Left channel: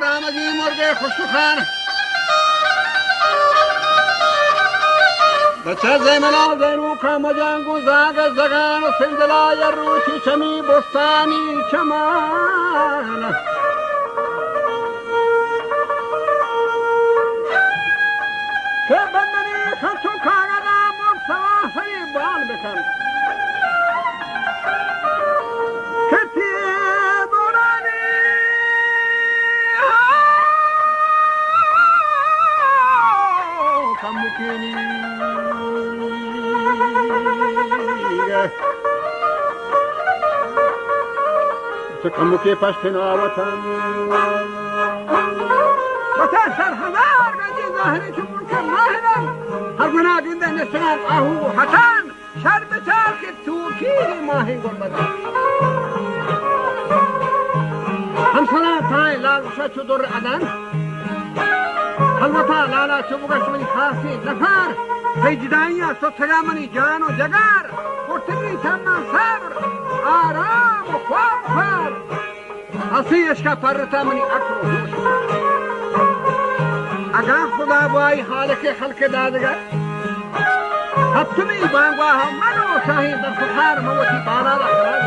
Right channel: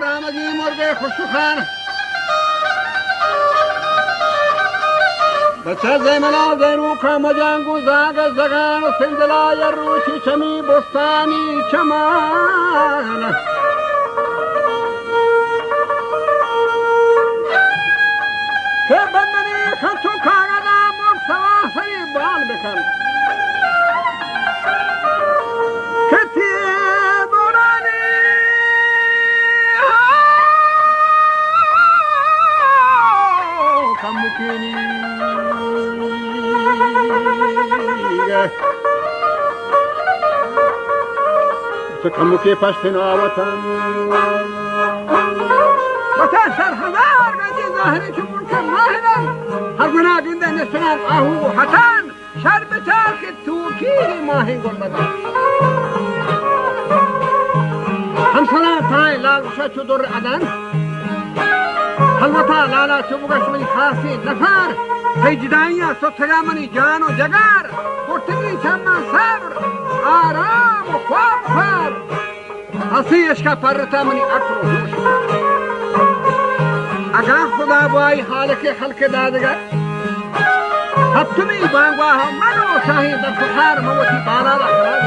رامزی مرغ خسروخان بچه زمنا گنو کم جنگو زاگ زگان و سندلای روچی چمی بستانی چمان که بندنی خچو کاغذا مرد سری بال بکن که تیه دورانی کم مکنی کم که پشتنا وطن سرخدار نجی ظاهری چون کم ماهنم هر گناه بینده نسنان آهو حسن شر بچار که توکی ماهی گل بدن همسنا تای لاغشا چودر عدن حلوتا لالا چوبگش منی خاصی نفر هیجدانی سترا منی جان و جگر پرتگی چمان صبر آرام و خواب خواب حسی اشکا پرتا منی اکر و هوش اگر خدا بای حالک حلک دادگر هفتمی بانگواه منو ساهی در سخار موتی بالا رخصاد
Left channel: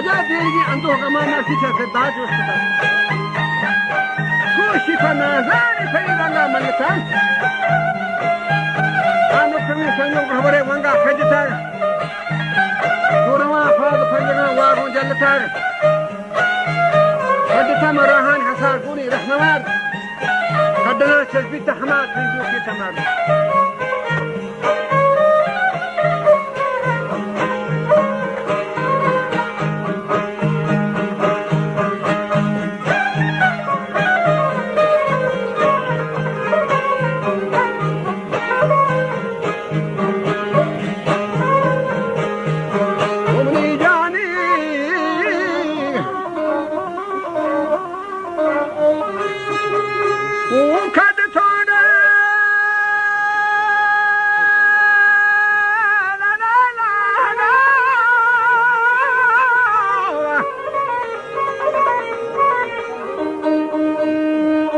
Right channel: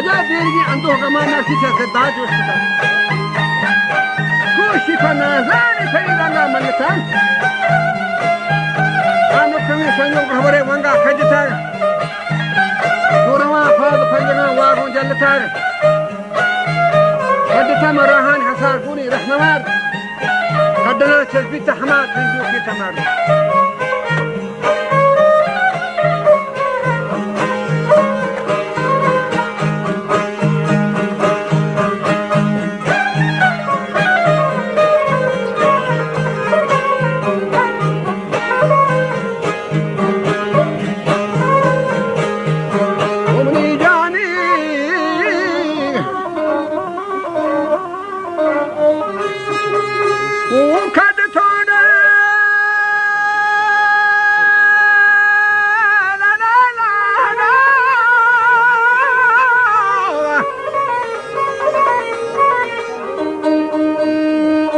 وجاء ديرجي عنده كمان نفسي تسداد وشتى توشي فنازاني فريد الله ملتان أنا كمي سنجو خبره وانغا خجتار دورما فاض فنجما واغون جلتار خدتا مراهان حسار كوني رحموار خدنا تثبيت حماد سنجوكي تمام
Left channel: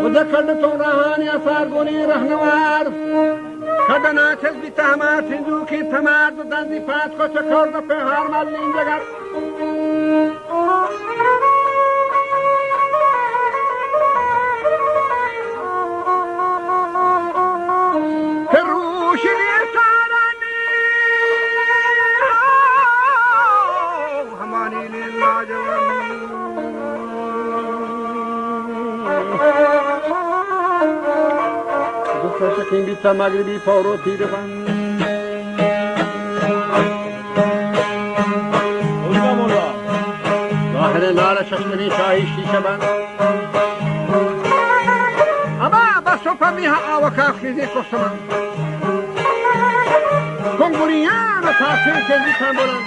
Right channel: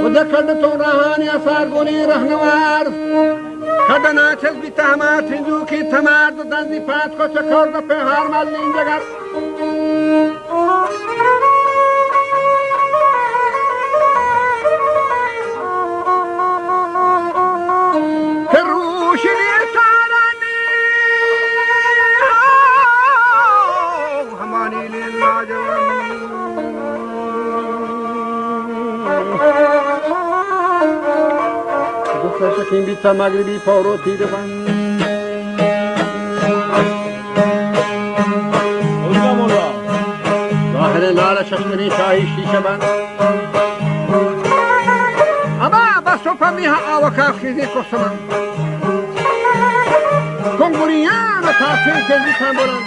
وذكرت رهاني أصاربوني رهنوار خدنا تزبي تهمات هندوكي تمار دندي فاتكو تكور دفهار مالين جغر فروش ليتاراني هماني لله جواني Sakin bir tamagri bir foro tiri ban. Olga mola. Zahire lara şaşmani şahi şişe ban. Ama basopa miha avaka fizi kosaman. Konguriyana tafsir kezi tambolan.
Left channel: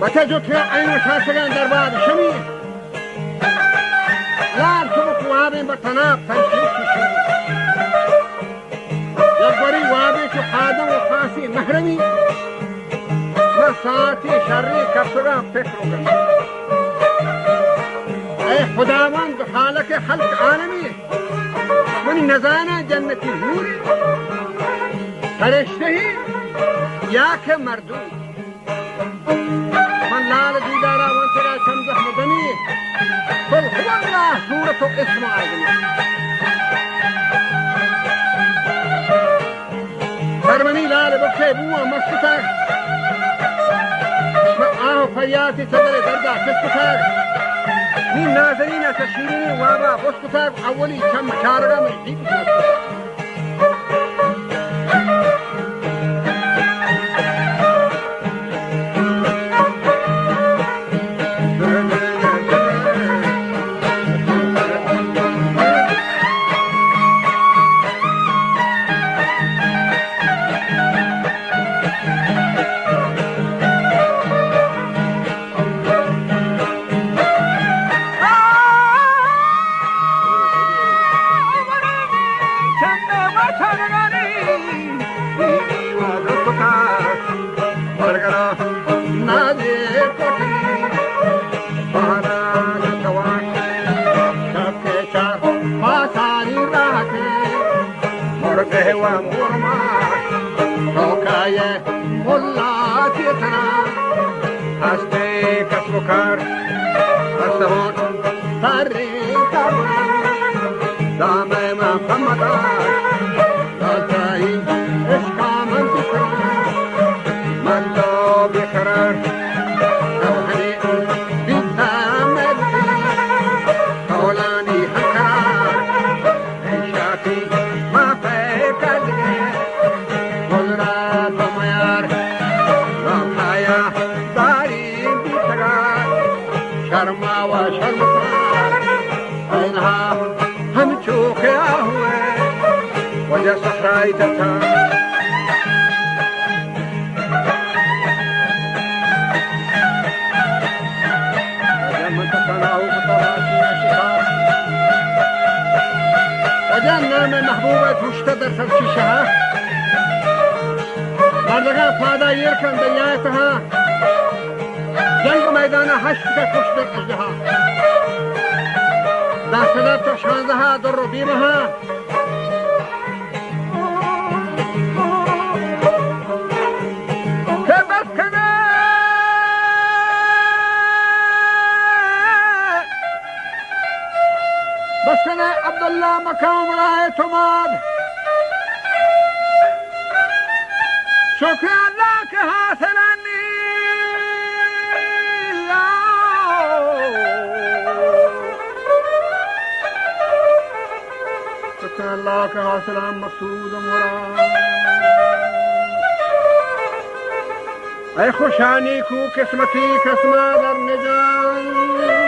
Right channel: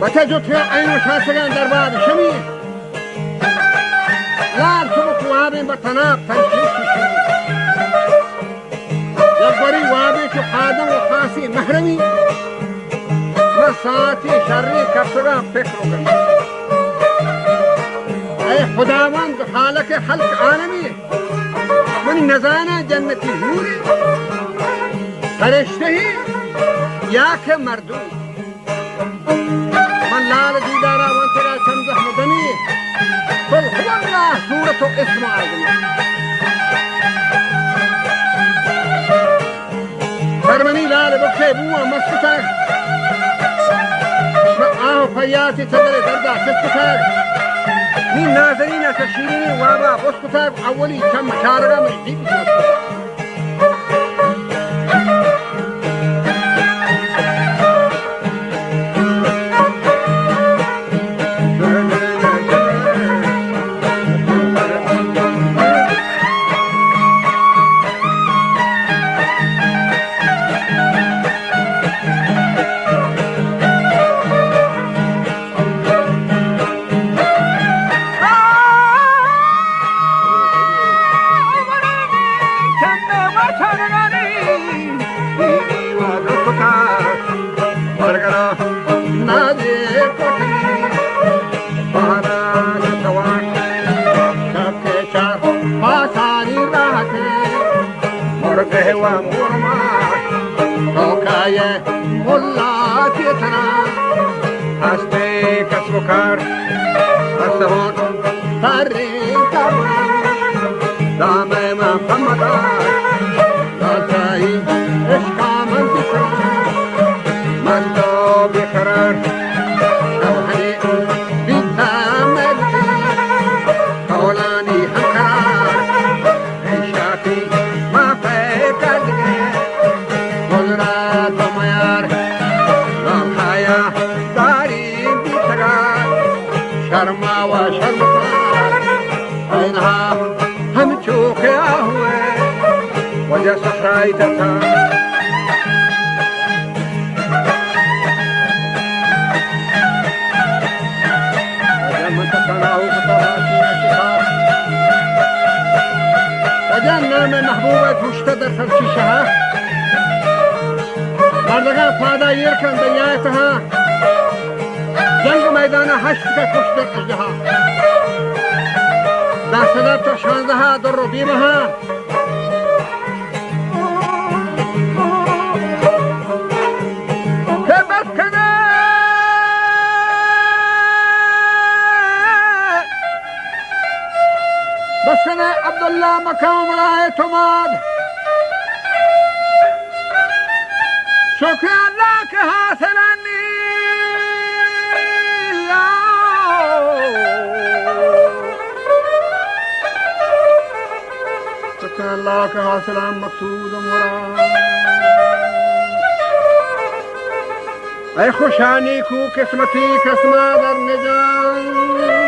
Bata jotya ayno şaşagan darbar şemi. यार चुप वाबे बतना तंशीश की जब बड़ी वाबे के खादम व खासी महरमी व साथी शर्री कपड़ा फिक्र गई ऐ खुदावंद खालक खल्क आलमी मन नजाना जन्नती नूरी फरिश्ते ही या के मर्दू मन लाल दीदारा व तेरा समझ मदनी قل هو الله سورة اسم أعظم فرمني لا لبكي بوا مسكتك آه فياتي تدري دردا تسكتك من ناظرين تشيرين وابا بسكتك أولي كم شارغا من جيب مسكتك وجعلنا من محبوبة واشتدت فرشيشها بردگان فادا يركن دنياتها جنگ ميدان حشد كشت اجها داخلات شانزها در بيمها كيف मकाम बड़ा एतमाद शुक्र अल्लाह के हासिलानी शुक्र अल्लाह के हासिला मकसूद मुराद ऐ खुशानी को किस्मती किस्मा दर निजान